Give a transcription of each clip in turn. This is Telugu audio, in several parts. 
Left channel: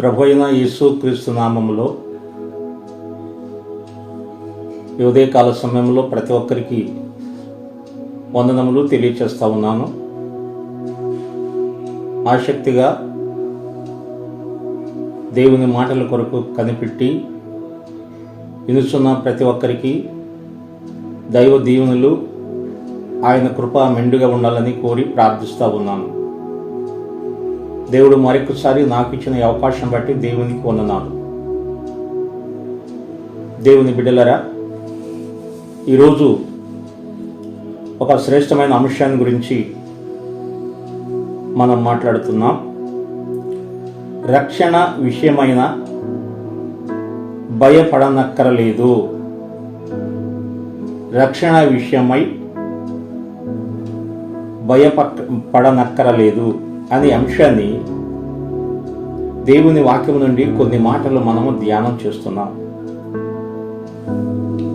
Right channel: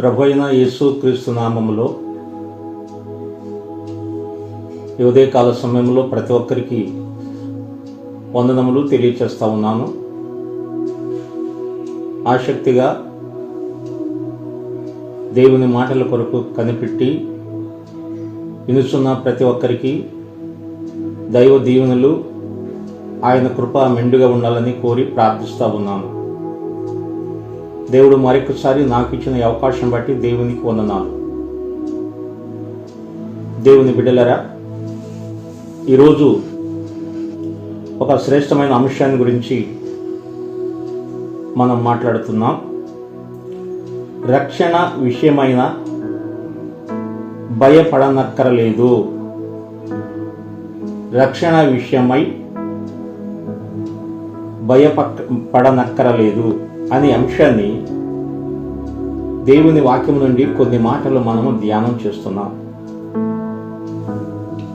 ప్రభు అయిన యేసు క్రీస్తు నామంలో ఈ ఉదయకాల సమయంలో ప్రతి ఒక్కరికి వందనములు తెలియచేస్తా ఉన్నాను. ఆసక్తిగా దేవుని మాటల కొరకు కనిపెట్టి వినుస్తున్న ప్రతి ఒక్కరికి దైవ దీవెనలు ఆయన కృప మెండుగా ఉండాలని కోరి ప్రార్థిస్తూ ఉన్నాను. దేవుడు మరొకసారి నాకు ఇచ్చిన ఈ అవకాశం బట్టి దేవునికి వందనాలు. దేవుని బిడ్డలరా ఈరోజు ఒక శ్రేష్టమైన అంశాన్ని గురించి మనం మాట్లాడుతున్నాం. రక్షణ విషయమైన భయపడనక్కరలేదు. రక్షణ విషయమై భయపడనక్కరలేదు అనే అంశాన్ని దేవుని వాక్యం నుండి కొన్ని మాటలు మనము ధ్యానం చేస్తున్నాం.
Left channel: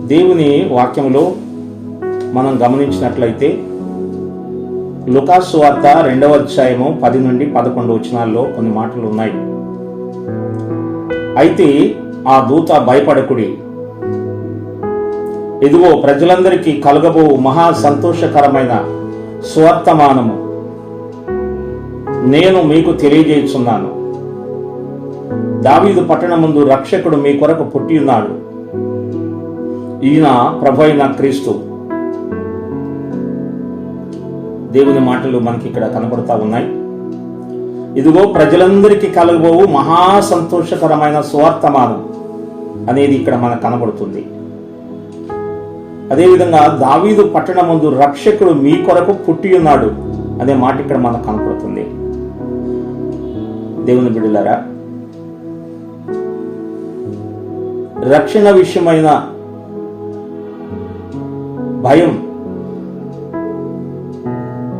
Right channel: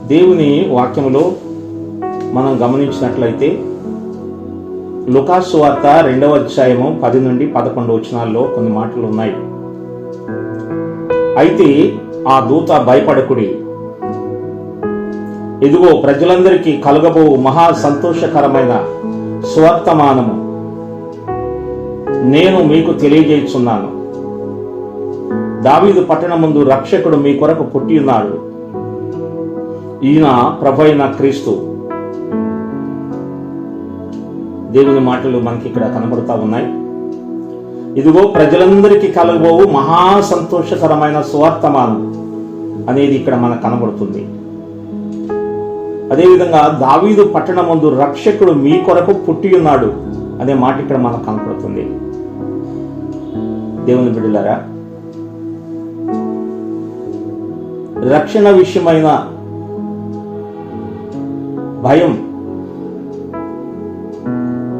దేవుని వాక్యంలో మనం గమనించినట్లయితే లుకాసు వార్త రెండవ అధ్యాయము పది నుండి పదకొండు వచనాల్లో కొన్ని మాటలు ఉన్నాయి. అయితే ఆ దూత భయపడకుడి. ఇదిగో ప్రజలందరికీ కలగబో మహా సంతోషకరమైన స్వర్తమానము నేను మీకు తెలియజేస్తున్నాను దావీదు పట్టణమందు రక్షకుడు మీ కొరకు పుట్టి ఉన్నాడు ఈయన ప్రభు అయిన క్రీస్తు. దేవుని మాటలు మనకి ఇక్కడ కనబడుతూ ఉన్నాయి. ఇదిగో ప్రజలందరికీ కలగబోవు మహా సంతోషకరమైన సువార్తమానం అనేది ఇక్కడ మనకు కనబడుతుంది. అదేవిధంగా దావీదు పట్టణమందు రక్షకుడు మీ కొరకు పుట్టి ఉన్నాడు అనే మాట ఇక్కడ మనకు కనపడుతుంది. దేవుని బిడ్డలారా రక్షణ విషయమైన భయం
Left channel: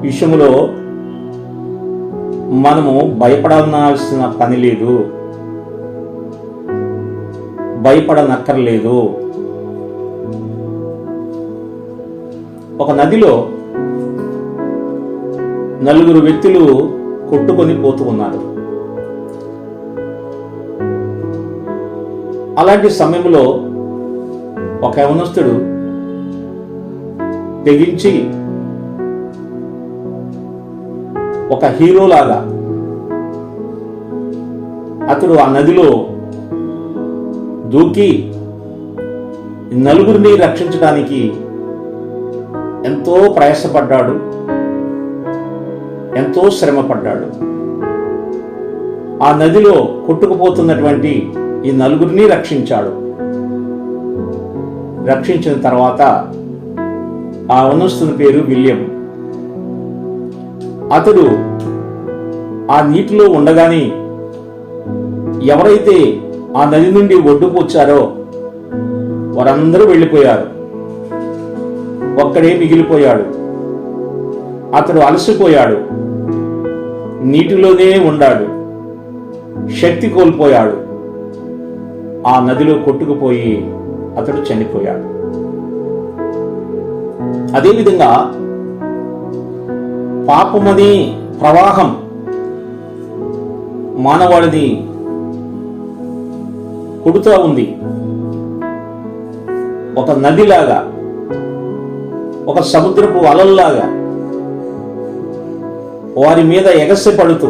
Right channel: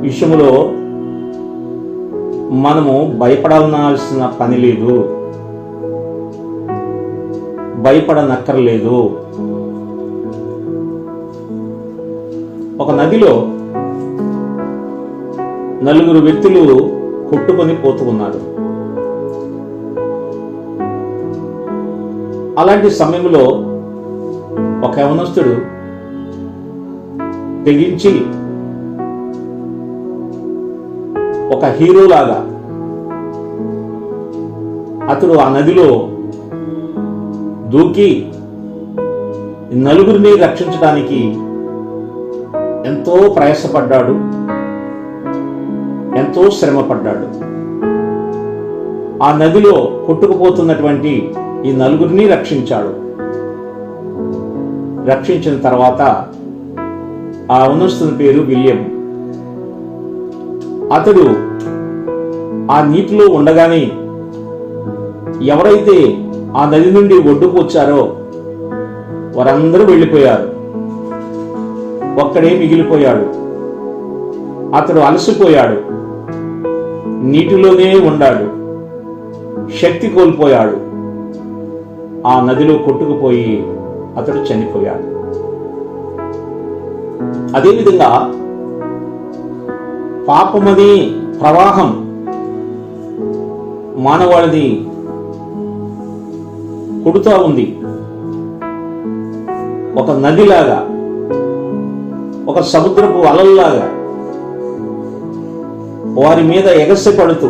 విషయంలో మనము భయపడాల్సిన పని లేదు. భయపడనక్కర్లేదు. ఒక నదిలో నలుగురు వ్యక్తులు కొట్టుకొని పోతూ ఉన్నారు. అలాంటి సమయంలో ఒక యవనస్తుడు తెగించి ఒక హీరోలాగా అతడు ఆ నదిలో దూకి నలుగురిని రక్షించడానికి ఎంతో ప్రయాసపడ్డాడు ఎంతో శ్రమపడ్డాడు. ఆ నదిలో కొట్టుకుపోతున్నటువంటి ఈ నలుగురిని రక్షించాడు. రక్షించిన తర్వాత ఆ ఉన్నస్తుని పేరు విలియం. అతడు ఆ నీటిలో ఉండగానే ఎవరైతే ఆ నది నుండి ఒడ్డుకు వచ్చారో వారందరూ వెళ్ళిపోయారు. ఒక్కడే మిగిలిపోయాడు. అతడు అలసిపోయాడు. నీటిలోనే ఉండాడు. శక్తి కోల్పోయాడు. ఆ నదిలో కొట్టుకుపోయి అతడు చనిపోయాడు. అదేవిధంగా పాపమది ప్రవాహం మానవాళిని కొడుతూ ఉంది. ఒక నదిలాగా ఒక సముద్రపు అలల్లాగా వారి మీద ఎగసి పడుతూ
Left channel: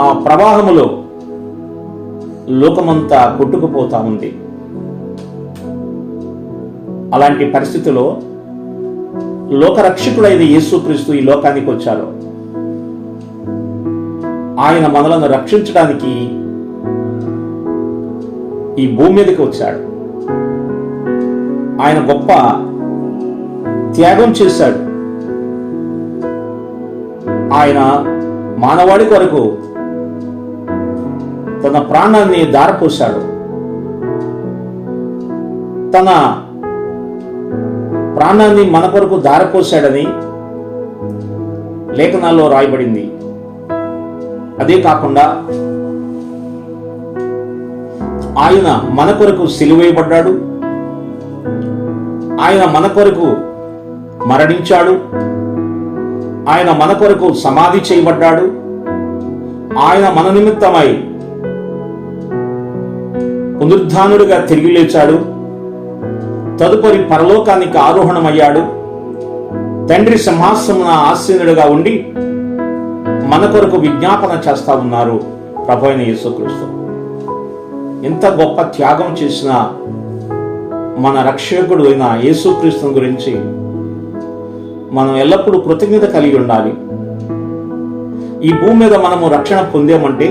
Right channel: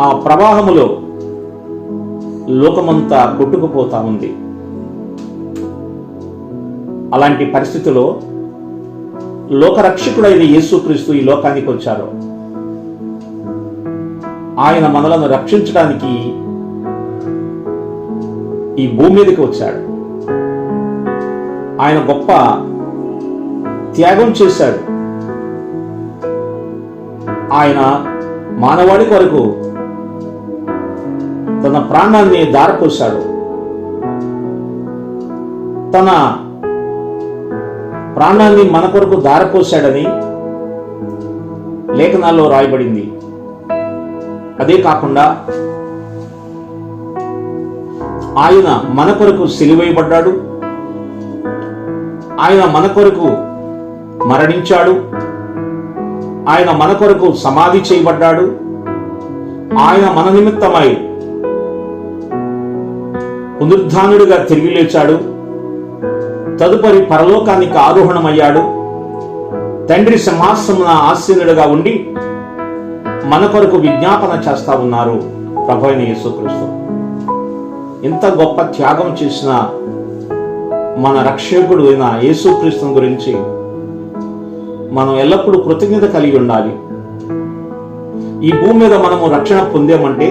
ఆ ప్రవాహములో లోకమంతా కొట్టుకుపోతా ఉంది అలాంటి పరిస్థితిలో లోకరక్షకుడైన యేసుక్రీస్తు ఈ లోకానికి వచ్చారు ఆయన మనలను రక్షించడానికి ఈ భూమి మీదకి వచ్చాడు ఆయన గొప్ప త్యాగం చేశాడు. ఆయన మానవాడి కొరకు తన ప్రాణాన్ని దారపోశాడు. తన ప్రాణాన్ని మన కొరకు దారపోశాడని లేఖనాల్లో రాయబడింది. అదే కాకుండా ఆయన మన కొరకు సిలువేయబడ్డాడు ఆయన మన కొరకు మరణించాడు. ఆయన మన కొరకు సమాధి చేయబడ్డాడు. ఆయన మన నిమిత్తమై పునరుద్ధానుడిగా తిరిగి లేచాడు. తదుపరి పరలోకానికి ఆరోహణమయ్యాడు. తండ్రి సింహాసమున ఆసీనుడిగా ఉండి మన కొరకు విజ్ఞాపన చేస్తా ఉన్నారు ప్రభు అయిన యేసుక్రీస్తు. ఇంత గొప్ప త్యాగం చేసిన మన రక్షకుడు అయిన యేసుక్రీస్తుని గురించి మనం ఎల్లప్పుడూ కృతజ్ఞత కలిగి ఉండాలి. ఈ భూమి మీద మనము రక్షణ పొందామంటే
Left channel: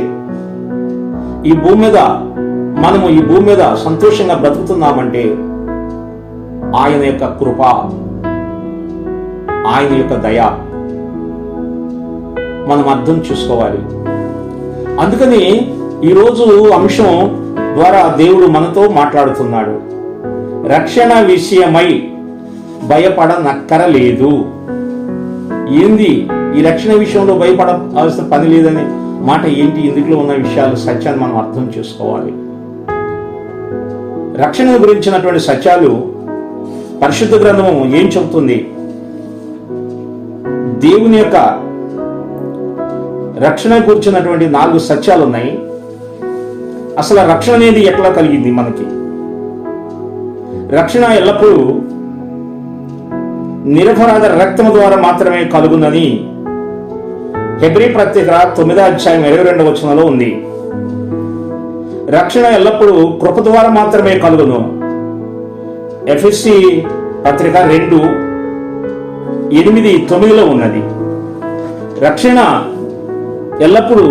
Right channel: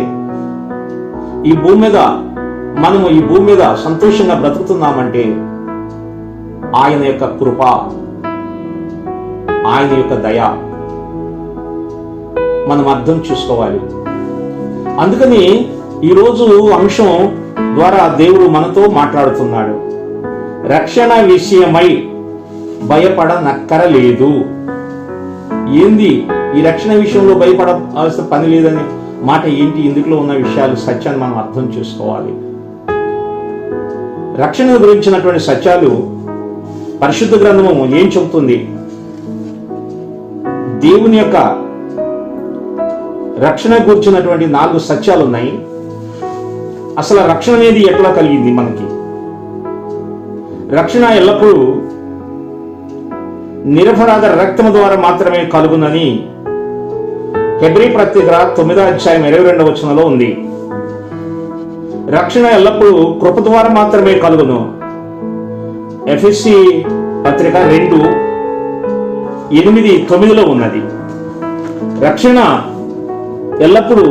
ఈ భూమి మీద మనము ఈ భూమి మీద సంతోషంగా బ్రతుకుతున్నామంటే ఆయన యొక్క కృప ఆయన యొక్క దయ మనం అర్థం చేసుకోవాలి. అందుకని ఈరోజు అంశం ద్వారా దేవుడు మనతో మాట్లాడుతున్నాడు. రక్షణ విషయమై భయపడనక్కరలేదు. ఏంది ఈ రక్షణ విషయంలో భయపడాల్సిన పని లేదని మాట ఏంటి? ఇందులో ఉన్న విషయాలు సత్యాన్ని మనం అర్థం చేసుకోవాలి. రక్షణ గురించినటువంటి సత్యాలు పరిశుద్ధ గ్రంథము ఏం చెబుతుంది? దేవుని యొక్క రక్షణ గురించినటువంటి నాలుగు సత్యాలు ఉన్నాయి అసలు రక్షణ అనేది ఎట్లా కలిగింది మనకి? రక్షణ ఎల్లప్పుడూ నిరపరాధ రక్తము ద్వారా మాత్రమే కలుగుందని హెబ్రి ప్రత్యేక తొమ్మిదో అధ్యాయం ఇరవై రెండవ వచనంలో ఉంది. రక్షణ ఎల్లప్పుడూ కృప ద్వారా మాత్రమే కలుగును. ఎఫ్ఎస్సి పత్రిక రెండు ఎనిమిది తొమ్మిదిలో ఉన్నది. రక్షణ ఎల్లప్పుడూ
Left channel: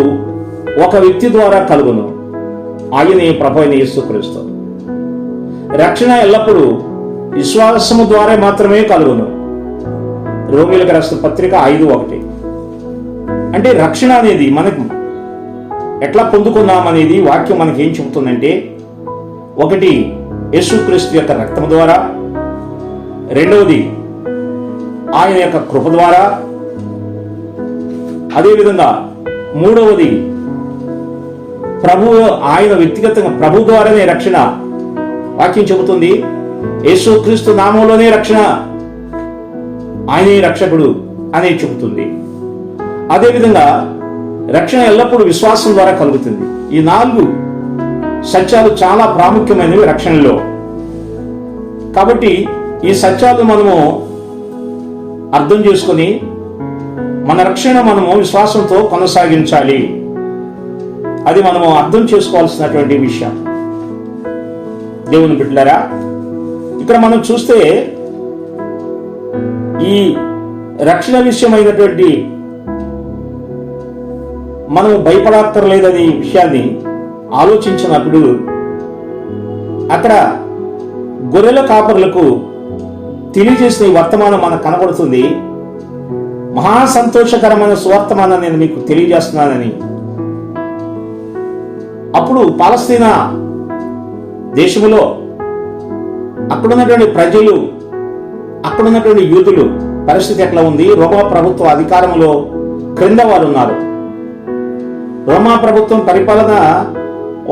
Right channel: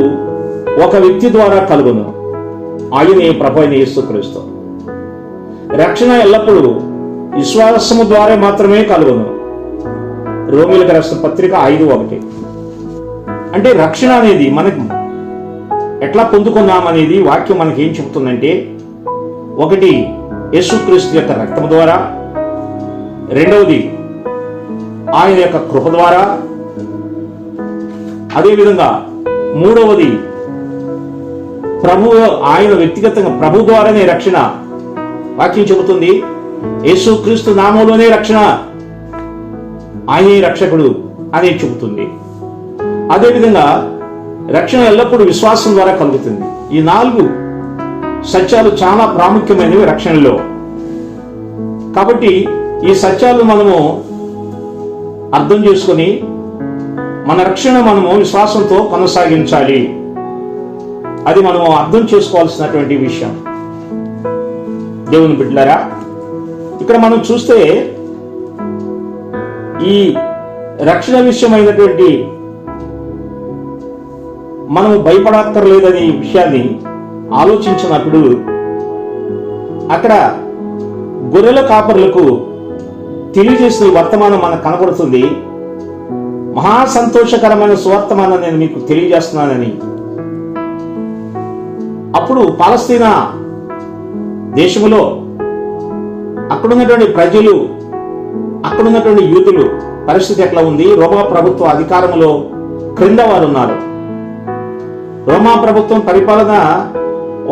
ఒక వ్యక్తి ద్వారా కలుగును. ఆయనే ప్రభు ఇస్తూ యేసుక్రీస్తు. రక్షణ ఎల్లప్పుడూ విశ్వాసము ద్వారా మాత్రమే కలుగును. రోమిలకు రాసిన పత్రిక ఐదు ఒకటి. అంటే రక్షణ అనేది మనకు ఎట్లా పొందుకున్నాం అనేది వాక్యం మనకి ఏం చెబుతుందంటే ఒకటి యేసుక్రీస్తు యొక్క రక్తం ద్వారా రెండవది ఆయన యొక్క కృప ద్వారా అదేవిధంగా మూడవది ప్రభు ఆయన వ్యక్తిగతంగా ప్రభు ద్వారానే రక్షణ. వాక్యం చెబుతుంది యేసుక్రీస్తు నామంలోనే రక్షణ. ఆయనే రక్షకుడు అనే చెబుతుంది. అదేవిధంగా రక్షణ ఎల్లప్పుడూ విశ్వాసం ద్వారా కలుగుతుంది. ఈ నాలుగు సత్యాలు చాలా ప్రాముఖ్యమైనవి రక్షణలో. కాబట్టి ఈ సత్యాలు మనము అర్థం చేసుకొని మన రక్షణ మనము విశ్వాసంతో కొనసాగించాలి. అది మనము అర్థం చేసుకోవాల్సినటువంటి విషయం. దేవుని బిడ్డలారా ఇక్కడ మనం చూస్తే ఈ రక్షణ విషయమైనటువంటి మనం భయపడక్కర్లేదనే విషయాన్ని ఆలోచించినప్పుడు అక్కడ గొర్రెల కాపరులకు తెలియజేసే ఈ వర్తమానం మనకు కనబడుతుంది. మహా సంతోషకరమైన సువర్తమానం నేను మీకు తెలియజేస్తున్నానని. అప్పుడు పాలస్తీనా దేశంలో అక్కడున్నటువంటి ప్రజలు అక్కడున్నటువంటి యూతులు పరిస్థితి ఎట్లా ఉంది? రోమా ప్రభుత్వ అధికారంలో క్రింద వారు ఉన్నారు రోమా ప్రభుత్వం పరిపాలన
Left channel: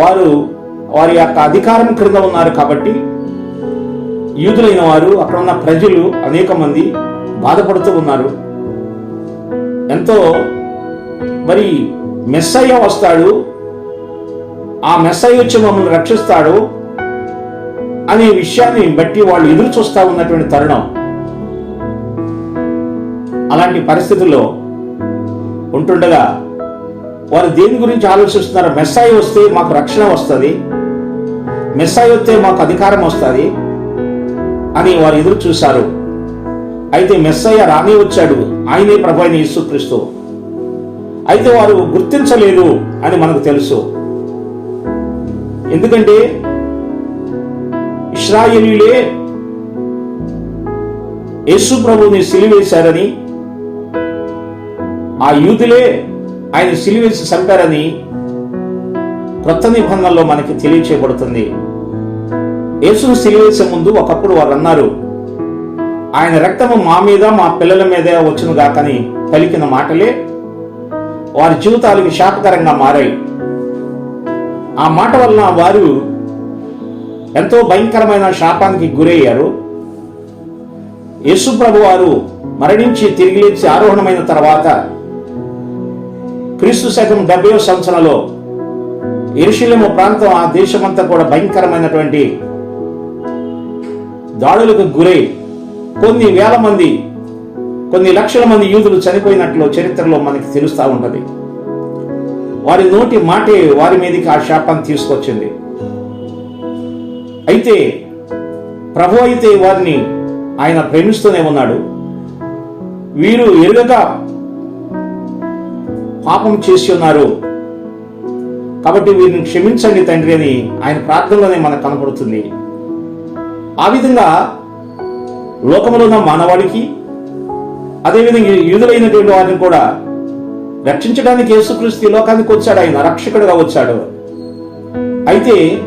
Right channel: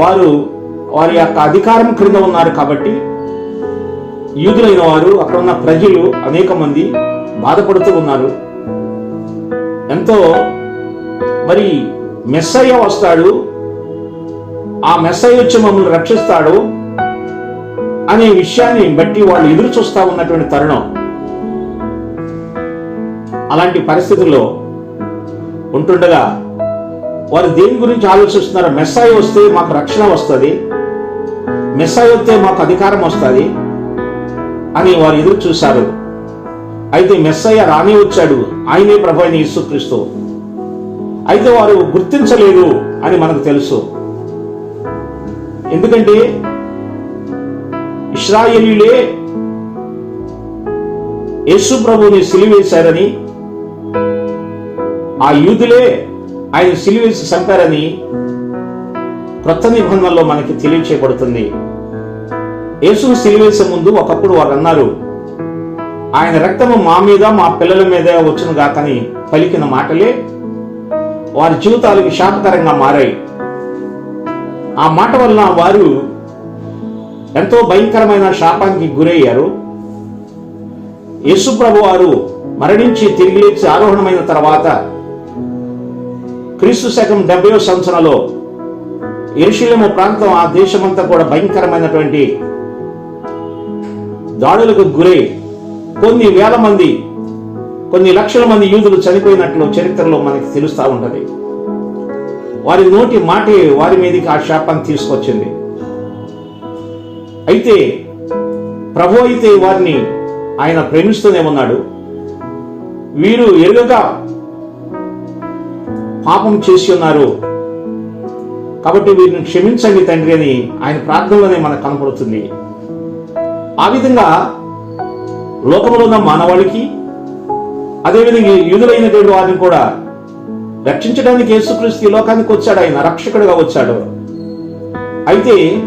వారు వారి యొక్క అధికారం క్రింద ఉన్నారు కాబట్టి యూదులైన వారు అక్కడ ఉన్న ప్రజలు అనేక మంది బాధపడుతూ ఉన్నారు. ఎంతో మరి మెస్సయ్య వస్తాడు ఆ మెస్సయ్య వచ్చి మమ్మల్ని రక్షిస్తాడు అనే విషయాన్ని బట్టి వాళ్ళు ఎదురు చూస్తా ఉన్నటువంటి తరుణం. అలాంటి పరిస్థితుల్లో ఉంటుండగా వారు దేని గురించి ఆలోచిస్తున్నారు మెస్సాయి వస్తే మాకు రక్షణ వస్తుంది మెస్సాయి వస్తే మాకు అధికారం వస్తుంది అని వారు ఎదురు చూశారు. అయితే మెస్సయ్య రానే వచ్చాడు ఆయనే ప్రభు యేసుక్రీస్తు. అయితే వారు గుర్తించలేదు అని మనకు తెలుసు. ఎందుకంటే ఇస్రాయేలీలే యేసు ప్రభుని సిలివేశారని ఆ యూదులే ఆయన సిలివేసి చంపారని క్రొత్త నిబంధనలో మనకి తెలియచేయబడుతుంది. యేసును సిలివేసే ముందు ఒకప్పుడు వారు అన్నారు ఆయన రక్తము మా మీద మా పిల్లల మీద వచ్చును గాకని పలికిన మాటలే వారి జీవితాలకు శాపకరంగా మారాయి. ఆ మాట వలన వారు ఎంతో భయంకరమైన శాపానికి గురయ్యారు. యేసుప్రభు వారు మరణించి తిరిగి లేచి ఆరోహణమైన తర్వాత క్రీస్తు శకం డెబ్బై సంవత్సరంలో ఎరుషులేము ప్రాంతం ఆ దేశమంతా కూడా భయంకరమైనటువంటి దాడులకు గురై కొన్ని వేల మంది కొన్ని లక్షల మంది యూదులు చనిపోయినట్లు చరిత్రలో మనకి తెలుస్తూ ఉంటుంది. వారి నోటి మాటే వారి మీదకి ఆ శాపాన్ని తీసుకొచ్చింది. అయితే ప్రభు అయితే వారిని ఆయన ప్రేమిస్తూనే ఉన్నాడు. వీరు ఎరుగగా పాపం చేసి ఉన్నారు. కాబట్టి వీరిని క్షమించండి తండ్రి అని ఆయన ప్రార్థనలోనే మనకు కనపడుతుంది. ఆ విధంగా లోకంలో ఉన్న మానవాళికి అదేవిధంగా యూదులైనటువంటి వారిని కూడా రక్షించడానికి యేసుక్రీస్తు ఈ లోకానికి వచ్చాడు. ఆయన రక్షకుడిగా వచ్చాడు. అయితే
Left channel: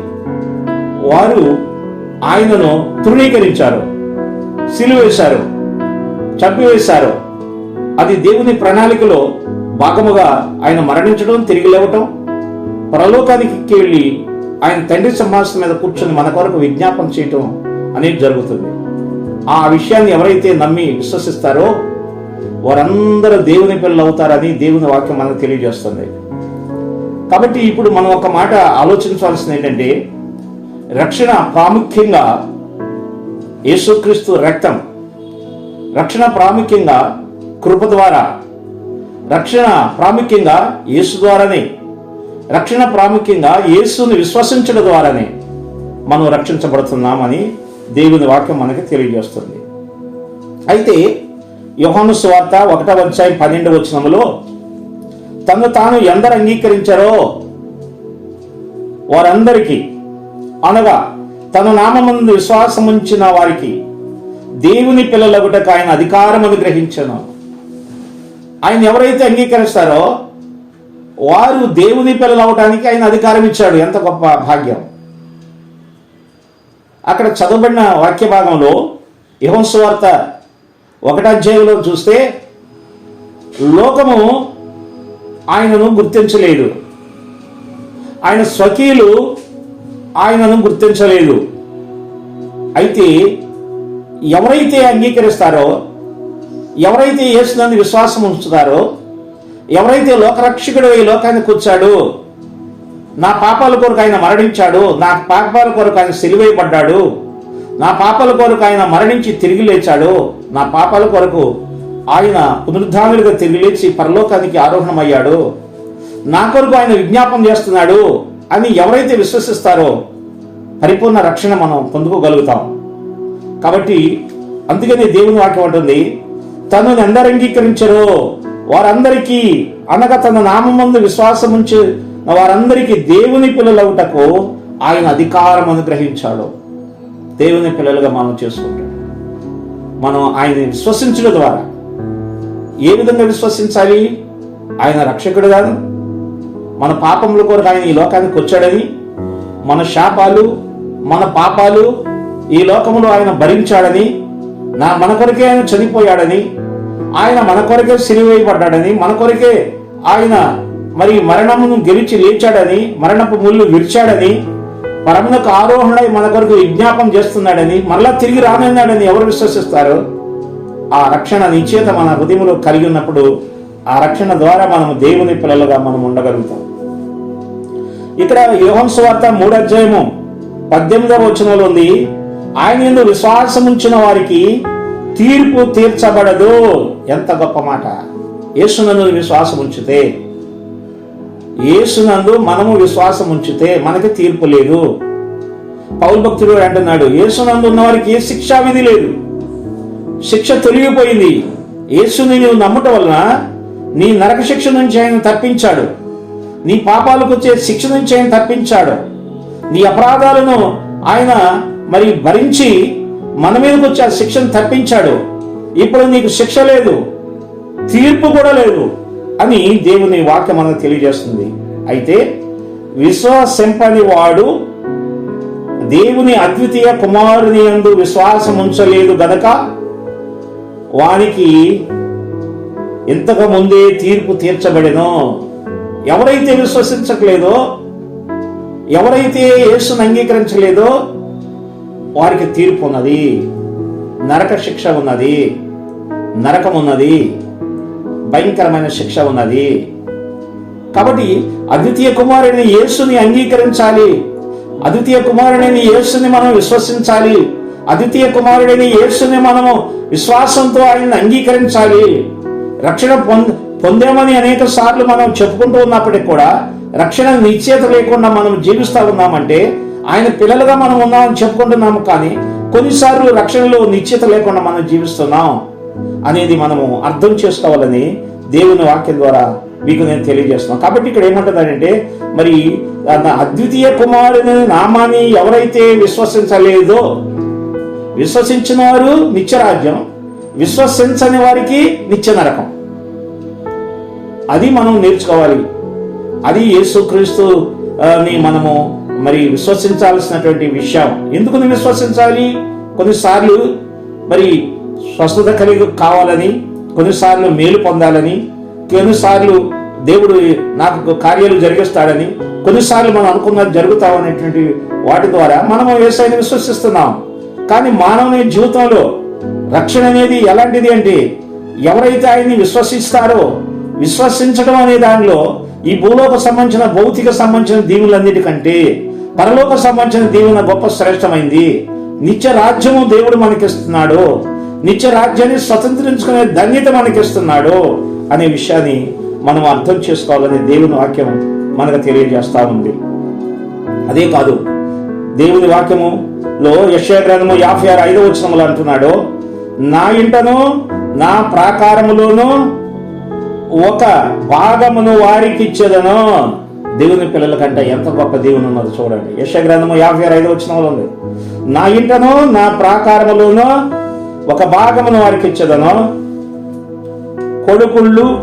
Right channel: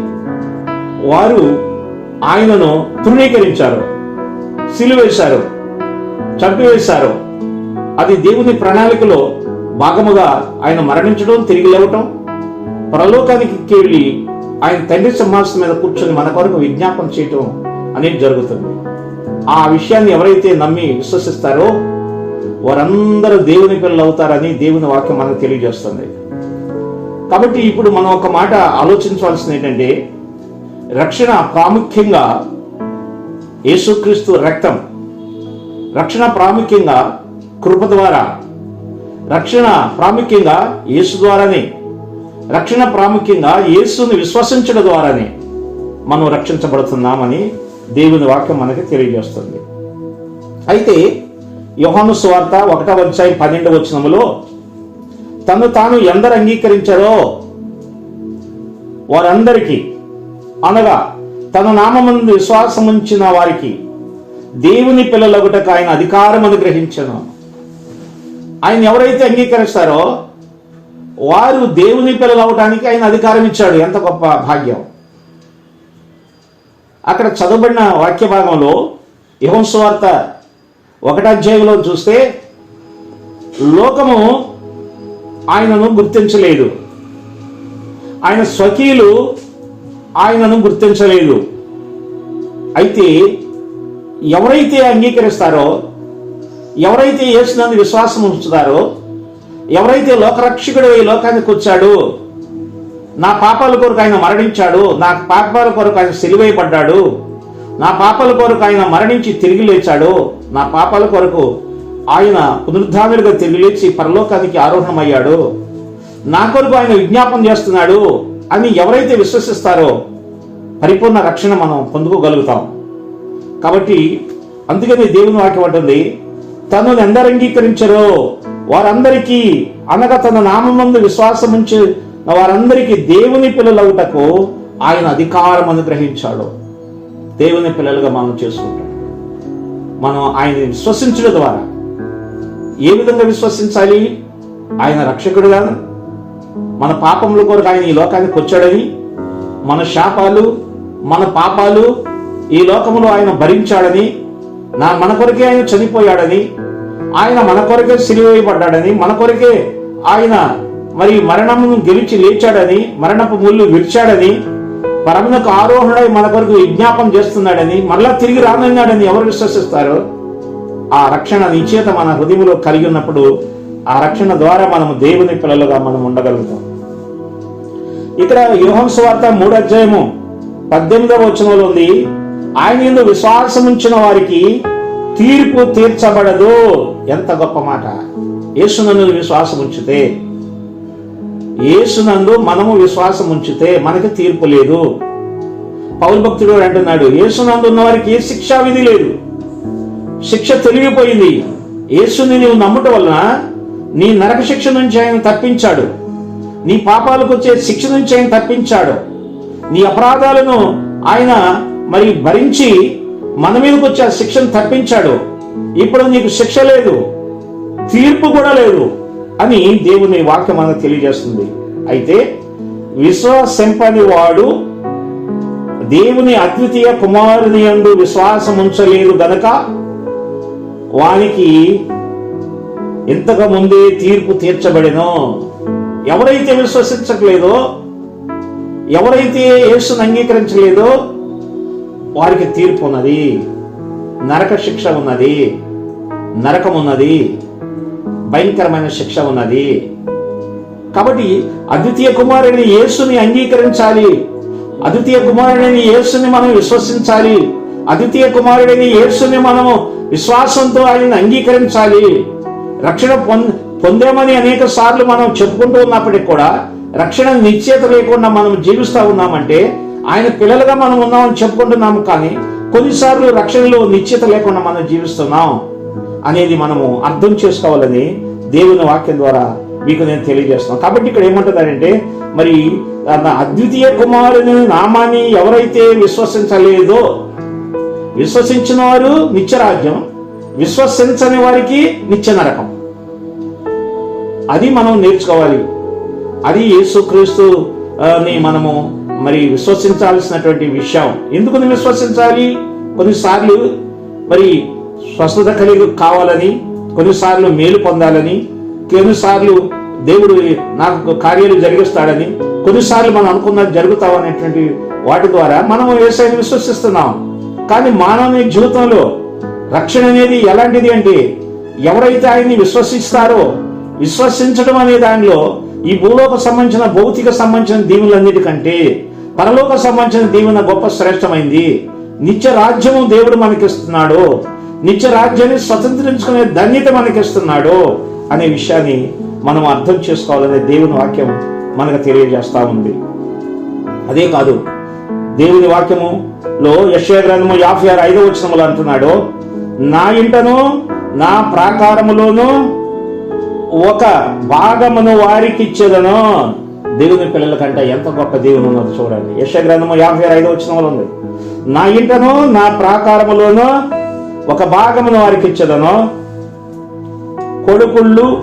వారు ఆయనను తృణీకరించారు సిలువేశారు చంపివేశారు. అది దేవుని ప్రణాళికలో భాగముగా ఆయన మరణించడం తిరిగి లేవటం పరలోకానికి వెళ్ళి ఆయన తండ్రి సింహాసనం మీద కూర్చొని మన కొరకు విజ్ఞాపన చేయటం అనేది జరుగుతుంది. ఆ విషయాన్ని ఎవరైతే నమ్మి విశ్వసిస్తారో వారందరూ దేవుని పిల్లలు అవుతారని దేవుని వాక్యం మనకు తెలియజేస్తుంది. కాబట్టి ఇప్పుడు మనం ఒక మాట ఆలోచించవలసింది ఏంటంటే రక్షణ ప్రాముఖ్యంగా యేసుక్రీస్తు రక్తం రక్షణ ప్రాముఖ్యంగా కృప ద్వారా రక్షణ ప్రాముఖ్యంగా యేసు ద్వారానే. రక్షణ ప్రాముఖ్యంగా యేసును విశ్వసించడం ద్వారానే మనం రక్షించబడుతున్నామని దేవుని వాక్యం మనకి తెలియజేస్తుంది. అయితే యోహాను స్వార్త ఒకటవ అధ్యాయం పన్నెండు వచనములో తను తాను ఎందరు అంగీకరించారో వారందరికీ అనగా తన నామమందు విశ్వాసముంచిన వారికి దేవుని పిల్లలగుటకు ఆయన అధికారం అనుగ్రహించను ఆయన ఎవరైతే అంగీకరిస్తారో వారు దేవుని పిల్లలు అవటానికి ఆయన అధికారం ఇచ్చాడు. ఎంత గొప్ప భాగ్యం. అక్కడ చదవబడిన వాక్య భాగంలో యహోస్వార్త ఒకటాధ్యాయంలో చూస్తే లోకము ఆయనను గుర్తించలేదు. ఆయన స్వకీయులు ఆయనను గుర్తించలేదు. అయితే ఎవరైతే అంగీకరిస్తారో ఎవరైతే యేసునందు విశ్వాసం ఉంచుతారో ఎవరైతే లోకరక్షకుడు ఈ లోకానికి వచ్చాడు నా పాపాల కొరకు ఆయన మరణించాడు నా పాపాల కొరకు ఆయన సిలివేయబడ్డాడు నా పాపాల కొరకు ఆయన మరణించి తిరిగి లేచాడు నా పాపాల కొరకు ఆయన పునరుద్ధానులుగా తిరిగి లేచి పరలోకానికి ఆరోహణమయ్యాడు నా కొరకు ఆయన విజ్ఞాపం చేస్తున్నాడు అని ఎవరైతే విశ్వసిస్తారో పరిపూర్ణ రక్షణ మనం పొందుకోగలుగుతాం. కాబట్టి అందుకని దేవుని వాక్యం అంటుంది తనను ఎందరు అంగీకరించరో వారందరికీ అనగా తన నామందు విశ్వాసం ఉంచి వారందరికీ దేవుని పిల్లలవుటకు ఆయన అధికారం అనుగ్రహించాడు. దేవుని పిల్లలుగా మనం చేసుకుంటాం. మనం ఆయన విశ్వసించడం ద్వారా ఏ విధంగా విశ్వసించాలి? ఆయన రక్షకుడుగా మన పాపముల కొరకు ఆయన ఈ లోకానికి వచ్చాడని మన శాపాలు మన పాపాలు ఈ లోకములో ఆయన భరించాడని నా మన కొరకే ఆయన చనిపోయాడని ఆయన మన కొరకే సిరివేయబడ్డాడని మన కొరకే ఆయన మరి మరణమును గెలిచి లేచాడని మరణపు ముళ్ళు విరిచాడని పరమునకు ఆరోహణై మన కొరకు విజ్ఞాపం చేస్తున్నాడని మరలా తిరిగి రానున్నాడని ఎవరు విశ్వసిస్తారు? ఆ రక్షణ నిశ్చేత మన హృదయంలో కలిగి ఉన్నప్పుడు ఆ రక్షణ ద్వారా మనం దేవుని పిల్లలుగా మనం ఉండగలుగుతాం. ఇక్కడ యోహం స్వార్థ మూడు అధ్యాయము పద్దెనిమిదవ వచనంలో ఉంది ఆయన ఎందు విశ్వాసం ఉంచిన వారికి తీర్పు తీర్చబడదు. ఎంత గొప్ప మాట. యేసునందు విశ్వాసం ఉంచితే యేసునందు మనము విశ్వాసం ఉంచితే మనకి తీర్పు లేదు. పౌరు భక్తుడు అంటున్నాడు యేసునందు ఉన్న వారికి ఏ శిక్షా విధి లేదు. శిక్ష తొలగిపోయింది. యేసుని నువ్వు నమ్ముట వలన నీ నరక శిక్ష నుంచి ఆయన తప్పించాడు. నీ పాపాలకు వచ్చే శిక్ష నుంచి ఆయన తప్పించాడు. నీ అపరాధాలను ఆయన మరి భరించి మన మీదకి వచ్చే ఆ శిక్షను తప్పించాడు. ఇప్పుడు నీకు శిక్ష లేదు తీర్పు కూడా లేదు అని దేవుని వాక్యం మనకు తెలియజేస్తుంది. అయితే విశ్వాసింపని వాడు దేవుని అద్వితీయ కుమారుని అందు విశ్వాసం ఉంచలేదు గనక వానికి ఇంతకు ముందే తీర్పు తీర్చబడినో. ఎవరైతే విశ్వసించట్లేదో ఎవరైతే యేసును అంగీకరించలేదో వారికి తీర్పు ఉన్నది. నరక శిక్ష ఉన్నది. నరకం ఉన్నది. భయంకరమైన శిక్ష ఉన్నది. కాబట్టి అద్వితీయ కుమారుని యేసుని అంగీకరించాలి. అద్వితీయ కుమారుడిని యేసుని మనం విశ్వసించాలి. అద్వితీయ కుమారుడిని యేసుని మనము విశ్వాసంతో ఆయన్ని అంగీకరించాలి. రక్షణ పొంద పొందేమని అనేక సార్లు మనం చెప్పుకుంటూ ఉన్నప్పటికీ కూడా రక్షణ నిశ్చేత లేకుండా మనం జీవిస్తూ ఉన్నామంటే ఆయన పిల్లలుగా మనం ఉన్నామని చెప్పుకుంటున్నాము కానీ కొన్నిసార్లు రక్షణలో నిశ్చిత లేకుండా మనం జీవిస్తున్నాం అనేది మనము అర్థం చేసుకోవాలని దేవుని వాక్యం ద్వారా మీకు నేను తెలియజేస్తున్నాను. కాబట్టి ఇక్కడ ఏమంటుందంటే మరి అద్వితీయ కుమారుని నామాన్ని ఎవరైతే విశ్వసించలేదో విశ్వసించిన వారు నిత్యరాజ్యం విశ్వసించని వారికి నిత్య నరకం. అది మనం నేర్చుకోవాలి. అది యేసుక్రీస్తు ని మనము మరి విశ్వసించాల్సినటువంటి విషయం. ఎందుకు విశ్వసించాలి? కొన్నిసార్లు మరి స్వస్థత కలిగి కావాలని కొన్నిసార్లు మేలు పొందాలని కొన్నిసార్లు దేవుడు నాకు కార్యాలు జరిగిస్తాడని కొన్నిసార్లు మనం అనుకున్నది జరుగుతామన్నటువంటి వాటి ద్వారా మనం వ్యవసాయాన్ని విశ్వసిస్తున్నాం. కానీ మానవ జీవితంలో రక్షణ అనేది ఎలాంటిది అంటే ఎవరైతే ఆయన్ని విశ్వసిస్తారో విశ్వసించడం అనే దానిలో ఈ భూలోక సంబంధించిన భౌతిక సంబంధించిన దీవులన్నిటికంటే పరలోక సంబంధించిన దీవెన గొప్ప శ్రేష్టమైంది. నిత్య రాజ్యము దేవుడు మనకిస్తున్నాడు. నిత్య రాజ్యాన్ని స్వతంత్రించుకునే ధన్యత మనకిస్తున్నాడు అనే విషయాన్ని మనం అర్థం చేసుకోవాలనే దేవుని వాక్యం మనకు తెలియజేస్తా ఉంది. అదే కాదు దేవుని వాక్యములో యశ్యా గ్రంథము యాభై ఆరు ఐదో వచనములు అంటున్నాడు నా ఇంటను నా ప్రాకారములోనూ ఒక భాగమును వారికి ఇచ్చేదను దేవుని పిల్లల కంటే ఎంత గొప్ప దేవుని ఉన్నది చూడండి. యశ గ్రంథము యాభై ఐదు వచ్చిన ఉంది. నా ఇంటను నా ప్రాకారములోను ఒక భాగమును వారికి ఇచ్చేదను కొడుకుళ్ళు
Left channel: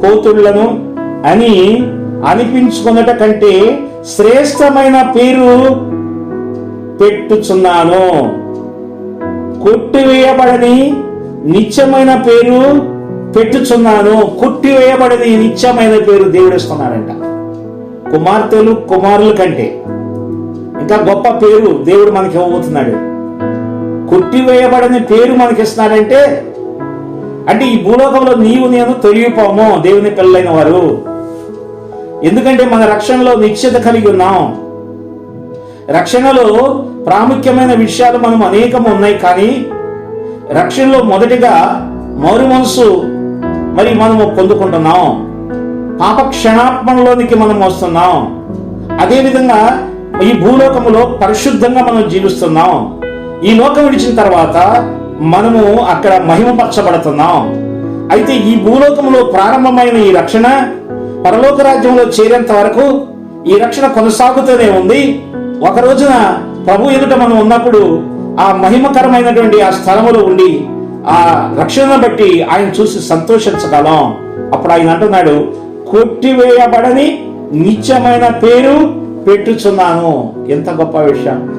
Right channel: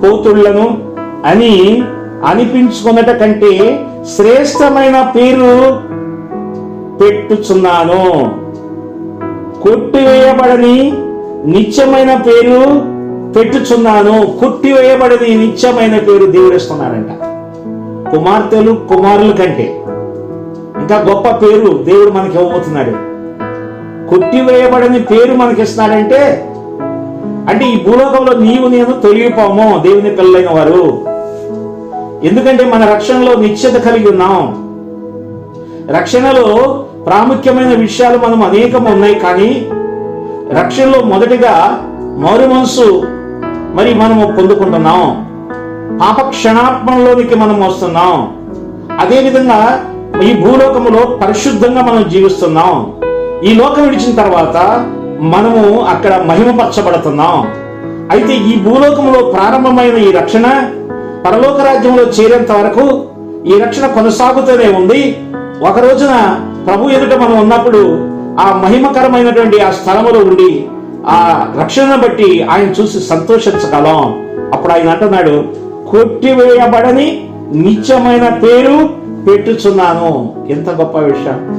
కూతుళ్ళను అని అనిపించుకున్నట కంటే శ్రేష్టమైన పేరు పెట్టుచున్నాను. కొట్టివేయబడని నిత్యమైన పేరు పెట్టుచున్నాను కొట్టివేయబడని నిత్యమైన పేరు దేవుడిస్తున్నాడంట. కుమార్తెలు కుమారుల కంటే. ఇంకా గొప్ప పేరు దేవుడు మనకి ఇవ్వబోతున్నాడు. కొట్టివేయబడని పేరు మనకి ఇస్తున్నాడంటే అంటే ఈ భూలోకంలో నీవు నేను తొలగిపోము దేవుని పిల్లలైన వారు. ఎందుకంటే మన రక్షణలో నిశ్చిత కలిగి ఉన్నాం. రక్షణలో ప్రాముఖ్యమైన విషయాలు మనం అనేకం ఉన్నాయి కానీ రక్షణలో మొదటిగా మారు మనసు మరి మనము పొందుకుంటున్నాం. పాప క్షణాత్మంలోనికి మనం వస్తున్నాం. అదేవిధంగా ఈ భూలోకములో పరిశుద్ధంగా మనం జీవిస్తున్నాం. ఈ లోకం విడిచిన తర్వాత మనము అక్కడ మహిమపరచబడుతున్నాం. అయితే ఈ భూలోకంలో ప్రారంభమైన ఈ రక్షణ పరలోక రాజ్యంలో చేరేంత వరకు ఈ రక్షణ కొనసాగుతూనే ఉంది. ఒక రోజున ప్రభు ఎదుట మనం ఉన్నప్పుడు ఆ మహిమకరమైనటువంటి ఆ స్థలములో ఉండి ఆ రక్షణను బట్టి ఆయన చూసి సంతోషించగలం. అప్పుడు ఆయన అంటున్నాడు కొట్టివేయబడని నిత్యమైన పేరు పెట్టుచున్నాను. ఎంత గొప్ప విషయం.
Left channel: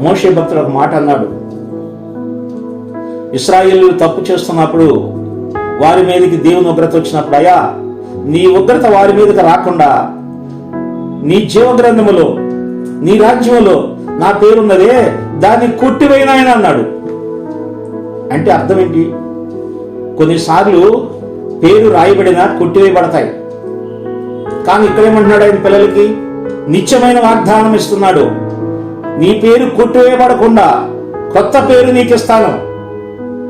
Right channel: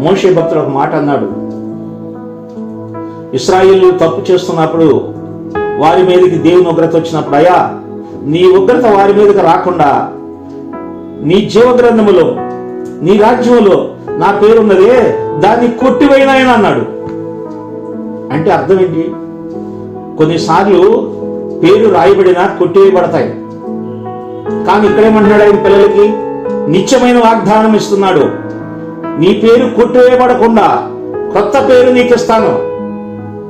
మోషే భక్తుడు ఒక మాట అన్నాడు ఇస్రాయిల్ తప్పు చేస్తున్నప్పుడు వారి మీదకి దేవుని ఉగ్రత వచ్చినప్పుడు అయ్యా నీ ఉగ్రత వారి మీదకి రాకుండా నీ జీవగ్రంథములో నీ రాజ్యంలో నా పేరున్నదే దాన్ని కొట్టివైనాయన అన్నాడు. అంటే అర్థం ఏంటి కొన్నిసార్లు పేరు రాయబడినా కొట్టివేయబడతాయి. కానీ ఇక్కడేమంటున్నాడు ఆయన పిల్లలకి? నిత్యమైన వాగ్దానం ఇస్తున్నాడు. నీ పేరు కొట్టివేయబడకుండా కొత్త పేరు నీకు ఇస్తాను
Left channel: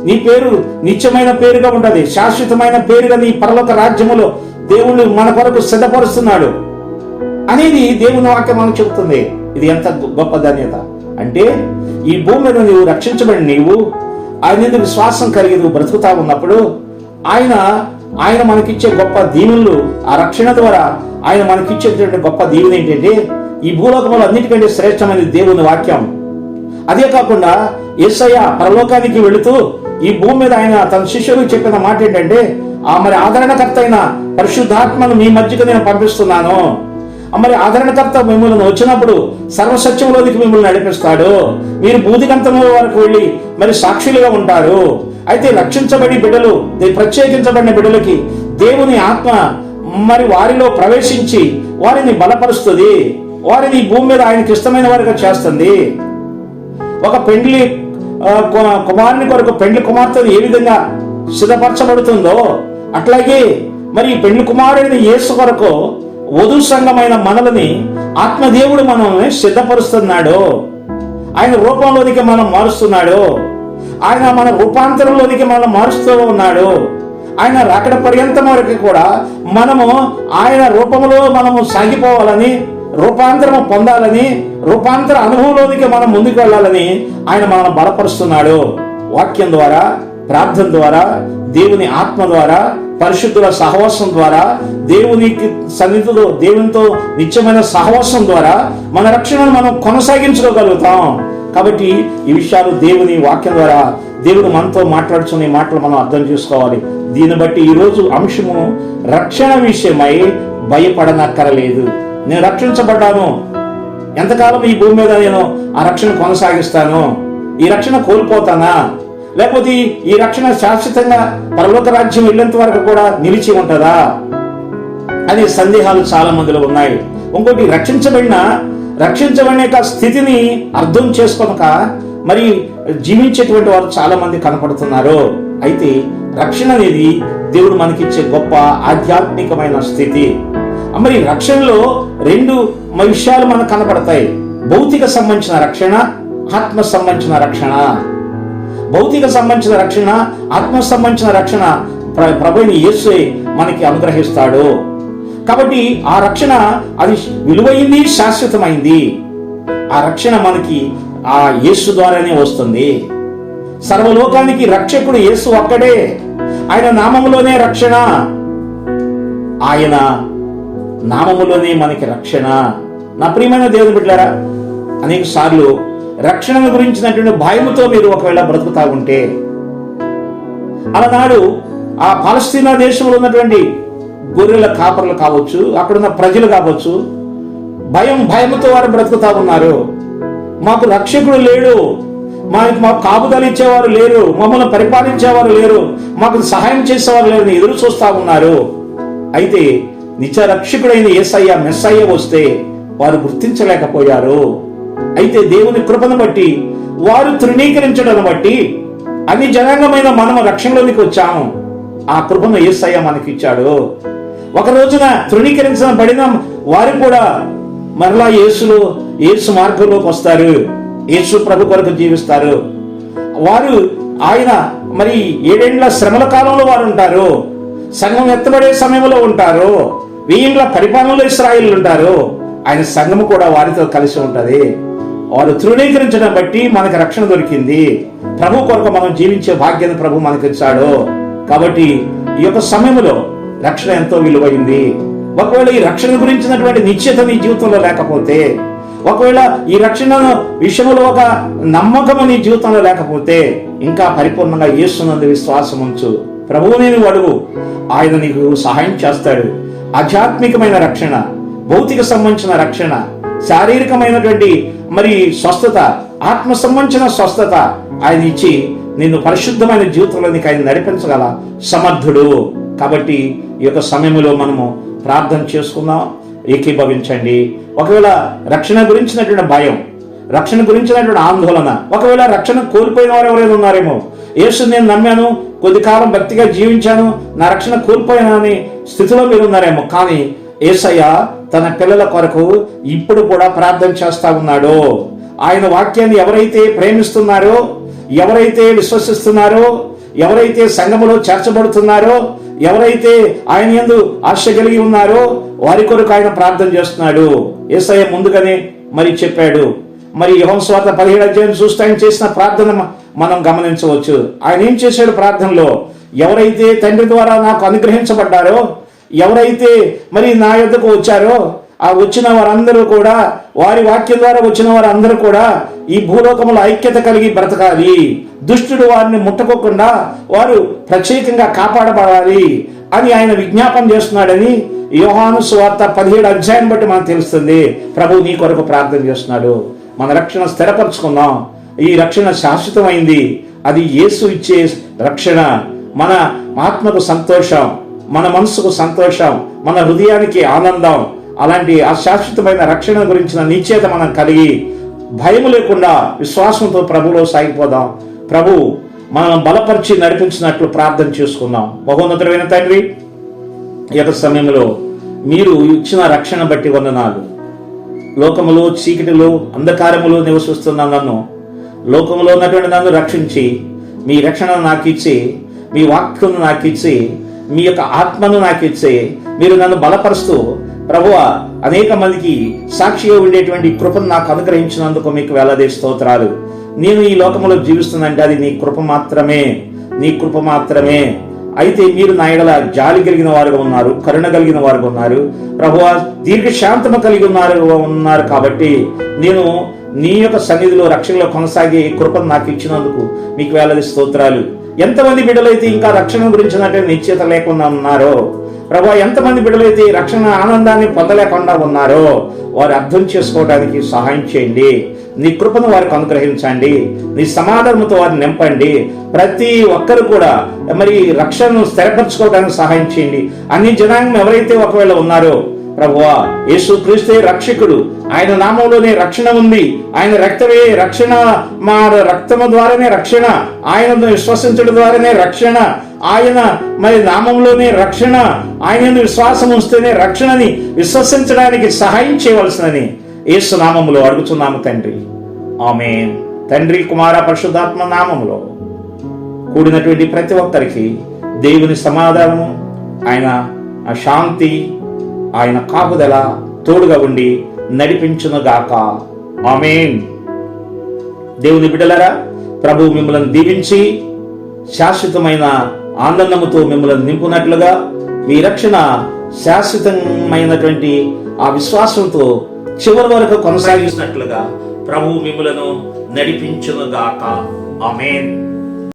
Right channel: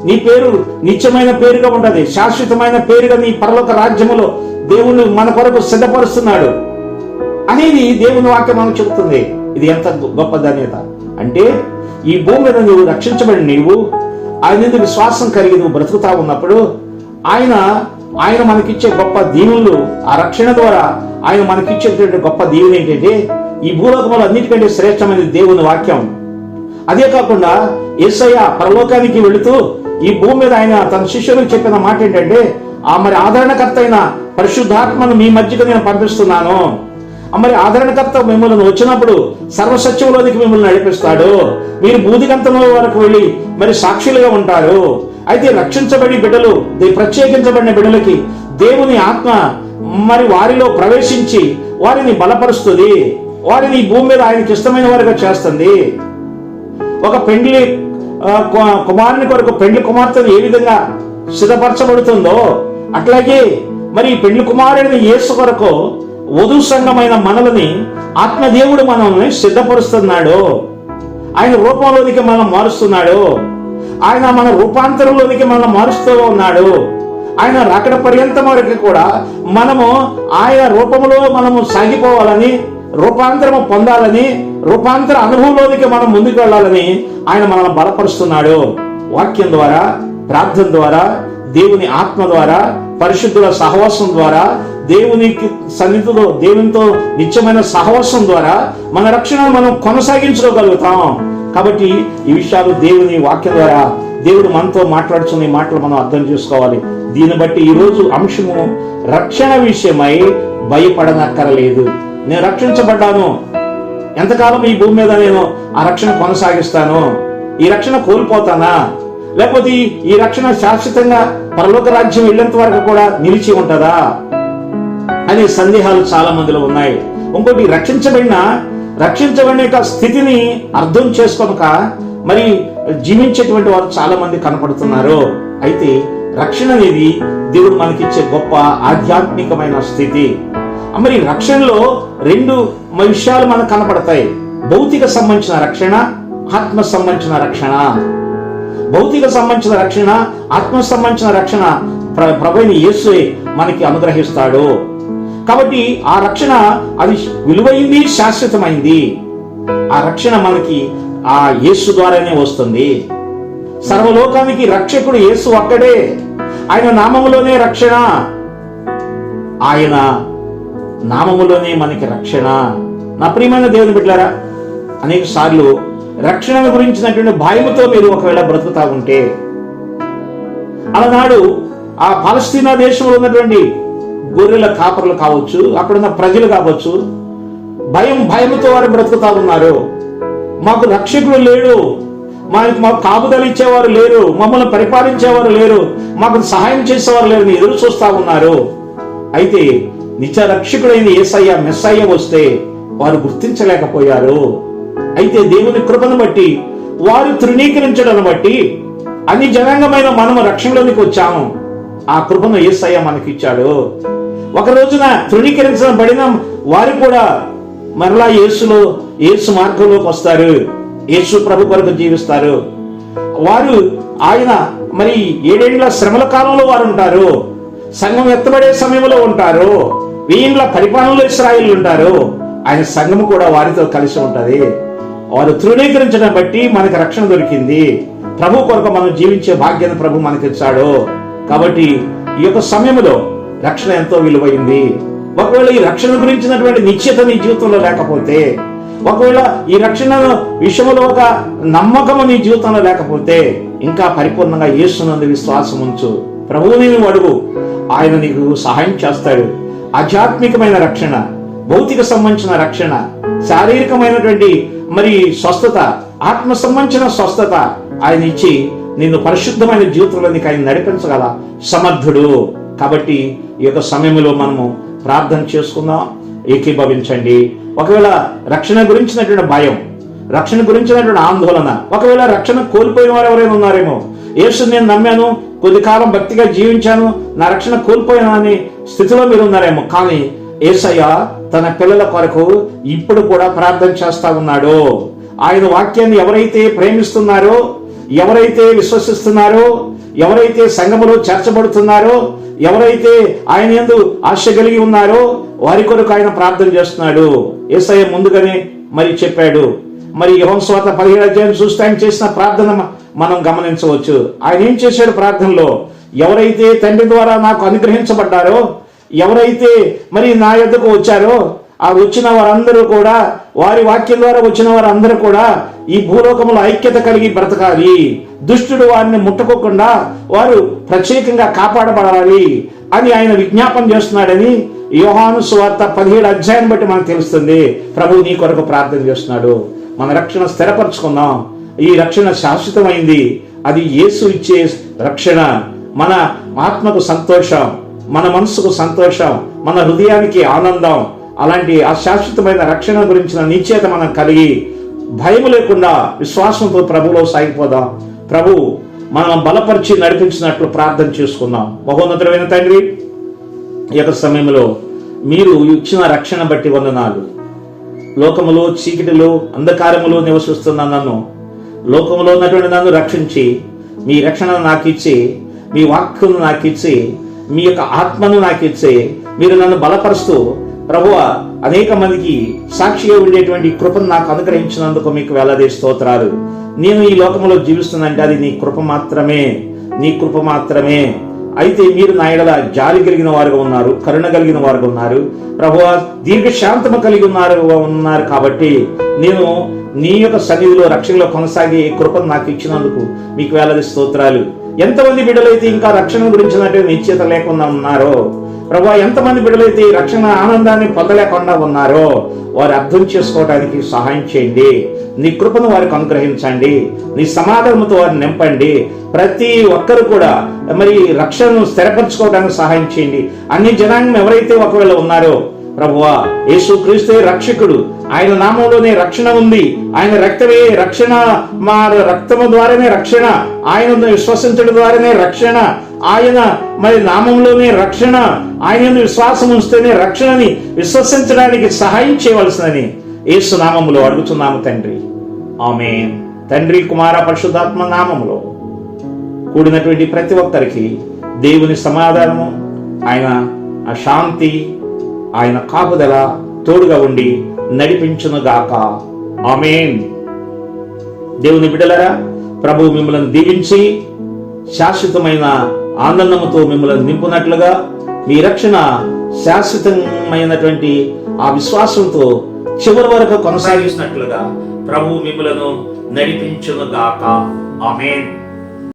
నీ పేరు నిత్యమైన పేరుగా ఉంటుంది. శాశ్వతమైన పేరుగా నీ పరలోక రాజ్యములో దేవుణ్ణి మన కొరకు సిద్ధపరుస్తున్నాడు. అనేది దేవుని వాక్యం మనకు చెబుతుంది. ఇది ఎంత గొప్ప ధన్యత. అంటే ఈ భూమి మీద నువ్వు రక్షించబడి నీవు ఆయన మీద విశ్వాసం కలిగి నువ్వు బ్రతుకుతా ఉన్నప్పుడు ఆయన ఆయన మనకిచ్చే గొప్ప దీవులు ఆ రక్షణ ద్వారా ఆయన మనకిచ్చేటువంటి గొప్ప దీవులు ఏంటంటే ఈ భూలోకంలో అన్నిటికంటే శ్రేష్టమైన దేవుని వాక్యం. అదే కాకుండా ఏసయ్య పరలోకానికి వెళుతూ ఈ భూమి మీద ఆయన తన శిష్యులకు చెప్పిన మాట ఏంటంటే ఆ మరి ఆదరణకర్త అయిన పరిశుద్ధాత్మను మీ మధ్యకు నేను పంపిస్తున్నాను. మరి ఆదరణకర్త మిమ్మల్ని వచ్చినప్పుడు సర్వసత్యంలోనికి మిమ్మల్ని నడిపిస్తాడు. మీరు బూదిగంతంలో వరకు వెళ్ళి మరి సాక్షులుగా ఉంటారు. అయితే రక్షించబడి బిడ్డలు ప్రత్యేకించబడిన బిడ్డలకి దేవుని ఆత్మ మరి వారిలో ప్రవేశించి వారిని బలపరుస్తుంది. వారిని భూమి మీద ఆయనకి ఇష్టమైన వారిగా చేస్తుంది. ఒక పెండ్లి కుమారుని కొరకు పెండ్లి కుమార్తెను ఏ విధంగా సిద్ధపరచబడుతుందో అట్లాగే మరి ఈ కుమారుడిని యేసు కొరకు వధు సంఘమైన మనల్ని ఆత్మదేవుడు మనల్ని సిద్ధపరుస్తున్నాడు ఆయన రూపంలోనికి మనం మారుస్తున్నాడు ఆయన మన రూపాంతరంలోనికి మనం మారుస్తూ ఉన్నాడు ఆయన రాకడ పర్యంతం వరకు కూడా మనము ఆయన రూపంలో మనము సాగిపోవాలని రూపాంతరము పొందాలని రూపాంతర అనుభవంలోనికి మనం ముందుకు వెళ్ళాలని ఆయన మనల్ని బలపరుస్తున్నాడు. వాక్యం ద్వారా ప్రార్థన ద్వారా దేవుని ఆత్మ ద్వారా పరిశుద్ధుల సహవాసం ద్వారా దేవునికి సన్నిధిలో దేవునితో నిత్యమైన సహవాసం ద్వారా మన రక్షణను మనం కొనసాగించుకోగలుగుతాం కాబట్టి ఈ విషయాలు దేవుని వాక్యం ద్వారా దేవుడు మనతో మాట్లాడుతున్న మాటలు మనం అర్థం చేసుకోవాలి. దీన్ని బట్టి ఈ రోజు అంశము రక్షణ విషయమై భయపడనక్కరలేదు. నేను రక్షించబడ్డాను. ఎంతకాలం ఈ భూమి మీద నేను ఆ రక్షణ కొనసాగిస్తాను? ఈ రక్షణ కోల్పోతానా? లేకపోతే ఈ- రక్షణ శాశ్వతంగా పరలోక రాజ్యం వెళ్ళేంత వరకు కూడా నిలిచి ఉంటుందా? అనే సందేహాలు చాలా మందిలో ఉన్నాయి. ఇంకోటి రక్షించబడిన రక్షించబడిన యొక్క స్థితిని అర్థం చేసుకోక మరి జీవించేటువంటి వారు చాలా మంది కనపడుతున్నారు. అయితే రక్షణ అనేది దేవుడు మనకిచ్చే గొప్ప ఆధ్యాత్మికమైన స్థితి. మరి రక్షణలో రెండు మ- విషయాలు మనకు కనపడతాయి. భౌతిక సంబంధించిన రక్షణ ఆత్మ సంబంధించిన రక్షణ. భౌతిక సంబంధించిన రక్షణ ఆత్మ సంబంధించిన రక్షణ ప్ర- ప్రభుని యేసు మనకి అనుగ్రహిస్తాడు. కాబట్టి ఆ రక్షణ అది విలువైంది శాశ్వతమైంది. ఆ రక్షణ మనకి ఆ యేసు ద్వారానే వస్తుంది. సర్వలోకానికి రక్షకుడు యేసు ఒక్కడే. ఆయన నామములోనే రక్షణ. ఆయన నామములోనే మనకి రక్షణ. నా ప్రియమైన దేవుని బిడ్డారా అనేక సార్లు రక్షణ గురించినటువంటి భయముతో మీరు ఒకవేళ బ్రతుకుతా ఉంటే అలనాడు ఆ పాలస్తీనా దేశంలో ఉన్నటువంటి గొర్రెల కాపర్లు కావచ్చు అక్కడున్న ప్రజలు కావచ్చు భయం భయముతో వారు బ్రతుకుతా ఉన్నారు మాకు రక్షకుడు లేడు మనకి మాకు కాపుదలు ఇచ్చేవారు లేరు మమ్మల్ని పరిపాలించేవారు లేరు మాకు సహాయం చేసేవారు లేరు అని ఎదురు చూస్తా ఉన్నారు అయితే నిత్య రక్షకుడైన ఏసయ్య మెస్సయ్య వస్తే వారు గుర్తించలేకపోయారు. అయితే దేవుని కృపను బట్టి వారు తృణీకరించడం బట్టి అన్ని జనాంగమైన మనము రక్షణలోనికి వచ్చాము. ఆ కృపను ఏసయ్య మనకిచ్చాడు. ఒక రోజున తృణీకరించబడిన వారు కూడా మరలా యేసులో యేసు మార్గంలోకి వస్తారు. యేసు ప్రభు కొరకు జీవిస్తారు. వారు ఆయన మరి ఏడేండ్ల శ్రమల కాలంలో వారు ఉంటారు. సంఘం ఎత్తబడే సమయంలో ఉంటారు. వెయ్యిండ్ల పరిపాలనలో ఇస్రాయిల్ ఉంటారు. ఆయన సంఘము కూడా వారితో కలిసి ఉంటుంది. వారు తృణీకరించడం బట్టి మనకు రక్షణ దొరికింది. ప్రభు కొరకు మనం జీవించే భాగ్యాన్ని ప్రభు మనకి ఇచ్చాడు. కాబట్టి ఈ యొక్క సమయంలో రక్షణ ఎంతో విలువైంది. ఒకవేళ ఈ రక్షణ గురించినటువంటి నిశ్చిత నీ జీవితంలో లేకపోతే ఒకవేళ ఈ రక్షణ విషయంలో ఒక నమ్మకము నీ జీవితంలో లేకపోతే ఇంకా పరిపూర్ణంగా యేసునందు విశ్వాసం ఉంచు. ప్రభువు నేను అడుగు. ఆయన నీకు సహాయం చేస్తాడు. ఆధ్యాత్మికమైన రక్షణ భౌతిక సంబంధించిన రక్షణ శారీరకమైనటువంటి మరి స్వస్థత ఆత్మ సంబంధించిన స్వస్థత ఆయన ఇచ్చి నిన్ను పరిశుద్ధమైన జీవితంలో నీకు ఆయన నడిపించగల సమర్థుడు. కాబట్టి ఈ యొక్క సమయంలో మనము ప్రార్థన చేసుకుందాం. ఏకీభవించండి. ఒకవేళ రక్షణ గురించినటువంటి భయం రక్షణ గురించినటువంటి ఆందోళన ఒకవేళ రక్షణ కోల్పోయిన వారు ఎవరైనా ఉన్నారేమో యేసు నేను నమ్మాను కొద్ది కాలం భక్తిగా జీవించాను నా రక్షణ కోల్పోయాను అనే స్థితిలో మీరు ఉన్నారేమో కానీ ఏసయ్య తన పిల్లల కొరకు ఇప్పుడు కూడా ప్రార్థన చేస్తా ఉన్నాడు. ఆయన వాక్యాన్ని ఎవరైతే ప్రేమిస్తున్నారో ఎవరైతే విశ్వసిస్తున్నారో ఎవరైతే సంఘములో చేర్చబడుతున్నారో ఎవరైతే ఆయన ఎందు ఆశ కలిగి ఉన్నారో వారి కొరకు ఆయన ప్రార్థన చేస్తున్నాడు. ఏసయ్య ముందుగానే మరి చెప్పాడు. మరి యోహన్ పదిహేడు అధ్యాయం చూస్తే ఆయన చేసిన ప్రార్థన మనం గమనించవచ్చు. ఆయన ఏం చేశాడు ప్రార్థనలో? ఎవరైతే తండ్రి ద్వారా నాకు అనుగ్రహించబడ్డారో ఎవరైతే మరి నా యొద్దకు వచ్చారో ఆ వచ్చిన వారందరూ కూడా వారి వాక్యం ద్వారా వచ్చిన వారందరూ కూడా ఈ భూలోకములో ఐక్యత కలిగి బ్రతకాలి. దుష్టుడు వారిని ముట్టుకోకుండా వారు ప్రత్యేకంగా కాపాడబడాలి అని ఆయన విజ్ఞాపం చేస్తున్నాడని యోహాను సువార్త పదిహేడు అధ్యాయం బట్టి మనకు తెలుస్తుంది. ప్రభు నీ కొరకు ప్రార్థన చేస్తున్నాడు. మన రక్షణ స్థిరపరచుకుందాం. ఈ రక్షణ శాశ్వతమైంది. అది యేసు ఇచ్చే రక్షణ. మన ఆత్మకు సంతోషం. మన మనసుకు సంతోషం మన హృదయానికి ఆనందం అలాంటి ఆ శాశ్వతమైన రక్షణ గురించిన నిశ్చేత మనం కలిగి భయం లేకుండా విశ్వాసంతో ప్రభులో సాగిపోదాం. ప్రభు మనం బలపరిచి నడిపించినట్లు ప్రార్థన చేసుకుందాం. మహోన్నతుడైన తండ్రి ఈ యొక్క సమయంలో మీరు ఇచ్చిన రక్షణ బట్టి వందనాలు. లోకములో చీకటిలో అంధకారములో నివసిస్తున్న నన్ను లోకములో ఉన్నటువంటి నన్ను రక్షించి మీ రక్షణ నాకు ఇచ్చి మీ వాక్యం నాకు ఇచ్చి మీ యొక్క ఆత్మను నాకు ఇచ్చే మీరు నన్ను బలపరుస్తూ ప్రభువ అనేక మందికి సాక్షిగా ఉండేటువంటి కృపను నాకు అనుగ్రహించినందుకు మీకు వేలాది స్తోత్రాలు. నేను ఈ లోకంలో జీవిస్తున్నంటే అది నీ కృప మాత్రమే నీ కృప మాత్రమే. అయితే మీరు నా ఎడల జాలి కలిగిన వారుగా ఉన్నారు కరుణ కలిగిన వారుగా ఉన్నారు. ప్రభువ దీర్ఘశాంతము కలిగి ఉన్నారు ఉన్నారు కాబట్టి నేను నీ యొక్క సన్నిధిలో రక్షణలో కొనసాగే ఈ కృపను నాకు ఇచ్చినందుకు మీకు వేలది స్తోత్రాలు. ఎంతమంది బిడ్డలైతే ఇంకా రక్షణ గురించినటువంటి నిశ్చిత లేకుండా ఉన్నారో? ప్రభా ఎంతమంది బిడ్డలైతే రక్షణ ఆనందాన్ని పొందలేకుండా ఉన్నారో? వారు అర్థం చేసుకోవడానికి సహాయం చేయండి. నీ కృపను వారికి అనుగ్రహించండి. నీ సమాధానంతో వారిని నింపండి. ప్రతి ఒక్కరు కూడా మరి రక్షణను స్థిరపరచుకోవడానికి సహాయం చేయండి. అన్ని జనాంగం ఎవరైతే ఒకవేళ ఉన్నారో ప్రభువా యేసు క్రీస్తే రక్షకుడు. ఆయన నామంలోనే రక్షణ ఉంది. ఆయన రక్తమే రక్షణ. మా రక్తము ద్వారానే రక్షణ. ఆయనను విశ్వసించడం ద్వారానే రక్షణ. ఆయన మరి నామంలోనే రక్షణ. ఆయన విశ్వాసం వస్తేనే రక్షణని విశ్వసించడానికి సహాయం చేయవలసినని యేసు నామములో అడుగుతున్నాము తండ్రి. ఆమె తండ్రి కుమార పరిశుద్ధాత్మ నామములో కూడినటువంటి ప్రతి ఒక్కరికి దేవుని సమాధానము ఆయన ఆ శాంతి ఆయన కాపుదల తోడుగా ఉండి నడిపించునుగాక ఆమెన్. దేవుని బిడలరా ప్రభు మిమ్మల్ని దీవించి శాశ్వతమైన ఆనందముతో మిమ్మల్ని నింపునట్లుగా మీ రక్షణ శాశ్వతమైనటువంటి ఆ విశ్వాసంతో చివరి వరకు కొనసాగించినట్లుగా ప్రభు మిమ్మలను నడిపించునుగాక ఆమెన్.